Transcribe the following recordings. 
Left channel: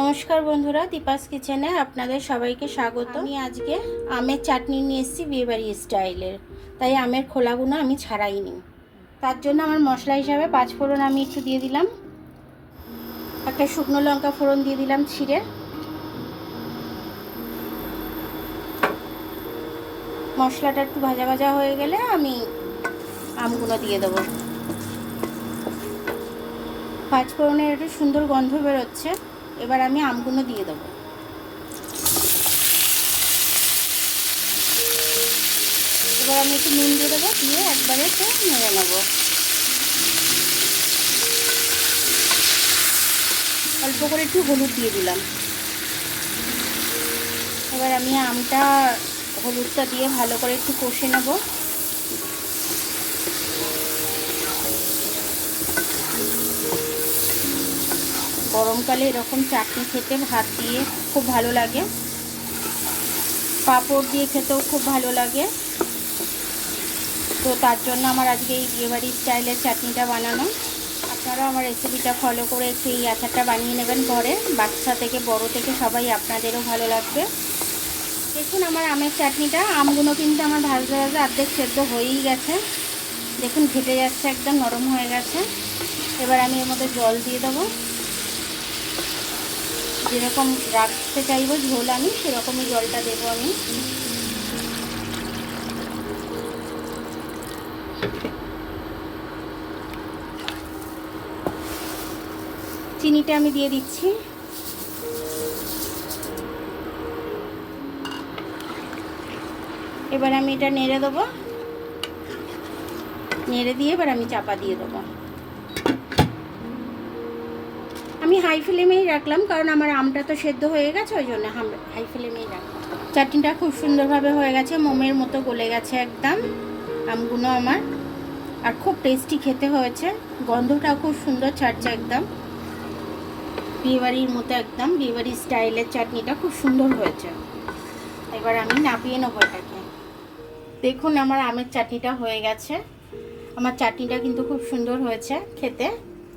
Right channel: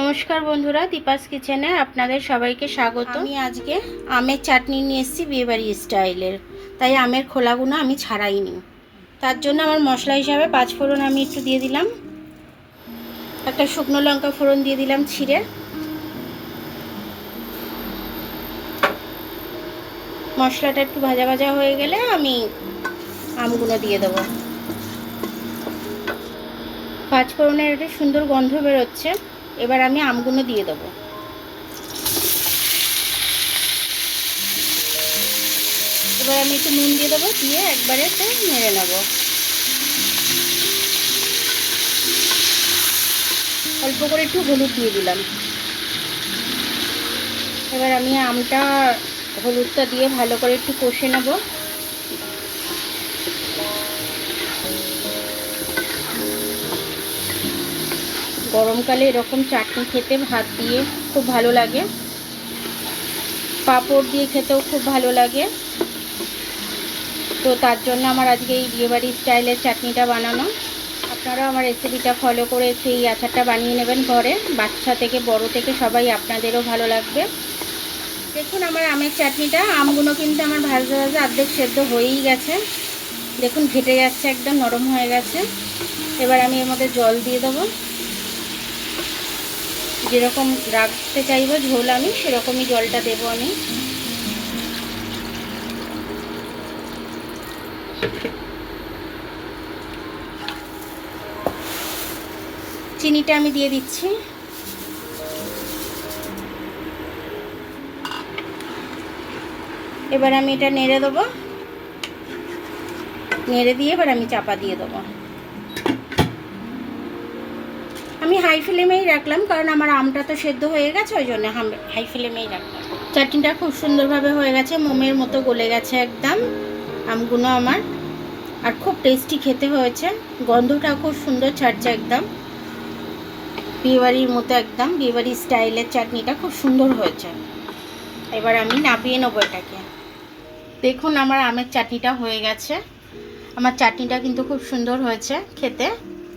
নমস্কার বন্ধুরা, দীপাস কিচেনে আপনাদের সবাইকে স্বাগত। আমি আজকে আমের চাটনি নিয়ে এসেছি বিয়েবাড়ি স্টাইলের, তাই আমের খোলাগুলো আমি ছাড়াইনি। তার জন্য আমার মশলা হিসাবে 5 ফোড়ন আমি একটু দিয়ে দিলাম, একটা শুকনো লঙ্কা ফোড়ন দিয়ে দিলাম ছিঁড়ে। মশলাটা একটু ভাজা ভাজা হয়ে গেলে আমি আমগুলো দিয়ে দেবো। 5 ফোড়নের একটা সুন্দর গন্ধ বেরোচ্ছে, এবার আমি আমগুলো দিয়ে দেবো। এবার আমি একটু নুন দিয়ে দেবো, দিয়ে একবারে নেড়ে নেবো। অল্প করে একটু হলুদ দিয়ে দিলাম। এবার আমি আমটা হলুদটা দিয়ে ভালো করে একটু কষে নেব। গরমকালে এরকম চাটনি খেতে ভাত দিয়ে খুব ভালো লাগে, পাঁপড় দিয়ে খেতেও খুব ভালো লাগে। তো তার জন্য আমার আজকে এই বিয়েবাড়ি স্টাইলের চাটনিটা বানানো। আপনারা আমার রেসিপিটা ফলো করে একটু এই আচারটা বানিয়ে নেবেন ঘরে, বাচ্চা থেকে বড় থেকে সবাই, আপনাদেরও ভালো লাগবে। দেখুন আমার আমের চাটনিটা, আমগুলো কিন্তু আমার ভাজতে ভাজতে অর্ধেক সেদ্ধ হয়েই গেছে। দেখুন ঘেটে যাচ্ছে, একদম নরম হয়ে গেছে। এবার আমি এর মধ্যে জল দিয়ে দেবো। যেরকম রাখতে চাইবো ঝোল আমি সেরকমই জলটা দেবো আমি। চিনিটা আমি দিয়ে দিচ্ছি। এবার আমি এটা নেড়ে দেবো, নেড়ে দিয়ে এবার আমি চাপা দিয়ে দেবো। আমি হাই ফ্লেমেই রাখলাম, কারণ আমার আমটা তো সেদ্ধ হয়ে গেছে, ওই জন্য হাই ফ্লেমেই রাখলাম। চাটনিটা খুব সুন্দরভাবে হয়ে গেছে, মোমের মতো গলে গেছে একদম আমগুলো আমার, আর খুব টেস্টি খেতে হয়েছে। গন্ধটা খুব সুন্দর ছাড়ছে একদম বিয়েবাড়ির মতো, একদম বিয়েবাড়ি স্টাইলের চাটনিটা খুব সুন্দর হয়েছে। এবার আমি নামিয়ে নেবো এটাকে। দেখুন আমার আমের চাটনিটা হয়ে গেছে। আমার চাটনিটা কিন্তু খুব সুন্দর হয়েছে খেতে,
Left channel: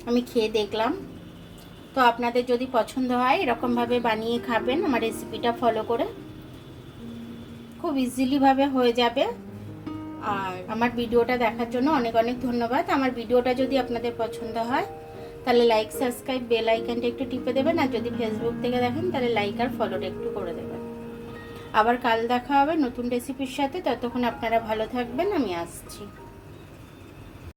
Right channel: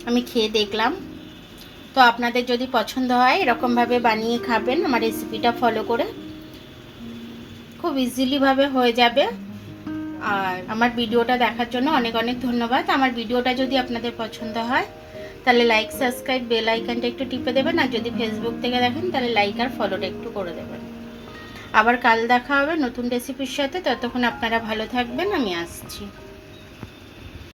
আমি খেয়ে দেখলাম। তো আপনাদের যদি পছন্দ হয় এরকমভাবে বানিয়ে খাবেন আমার রেসিপিটা ফলো করে, খুব ইজিলিভাবে হয়ে যাবে। আর আমার ভিডিওটা দেখার জন্য অনেক অনেক ধন্যবাদ। আমার ভিডিওটা যদি আপনাদের পছন্দ হয় তাহলে লাইক, সাবস্ক্রাইব, বেল আইকনটা একটু টিপে দেবেন। আর যদি ফেসবুক থেকে দেখেন তাহলে লাইক আর ফলোটা একটু করে দেবেন। আবার কাল দেখা হবে নতুন রেসিপির সাথে। ততক্ষণ আপনারা ভালো থাকবেন, আমি আসছি।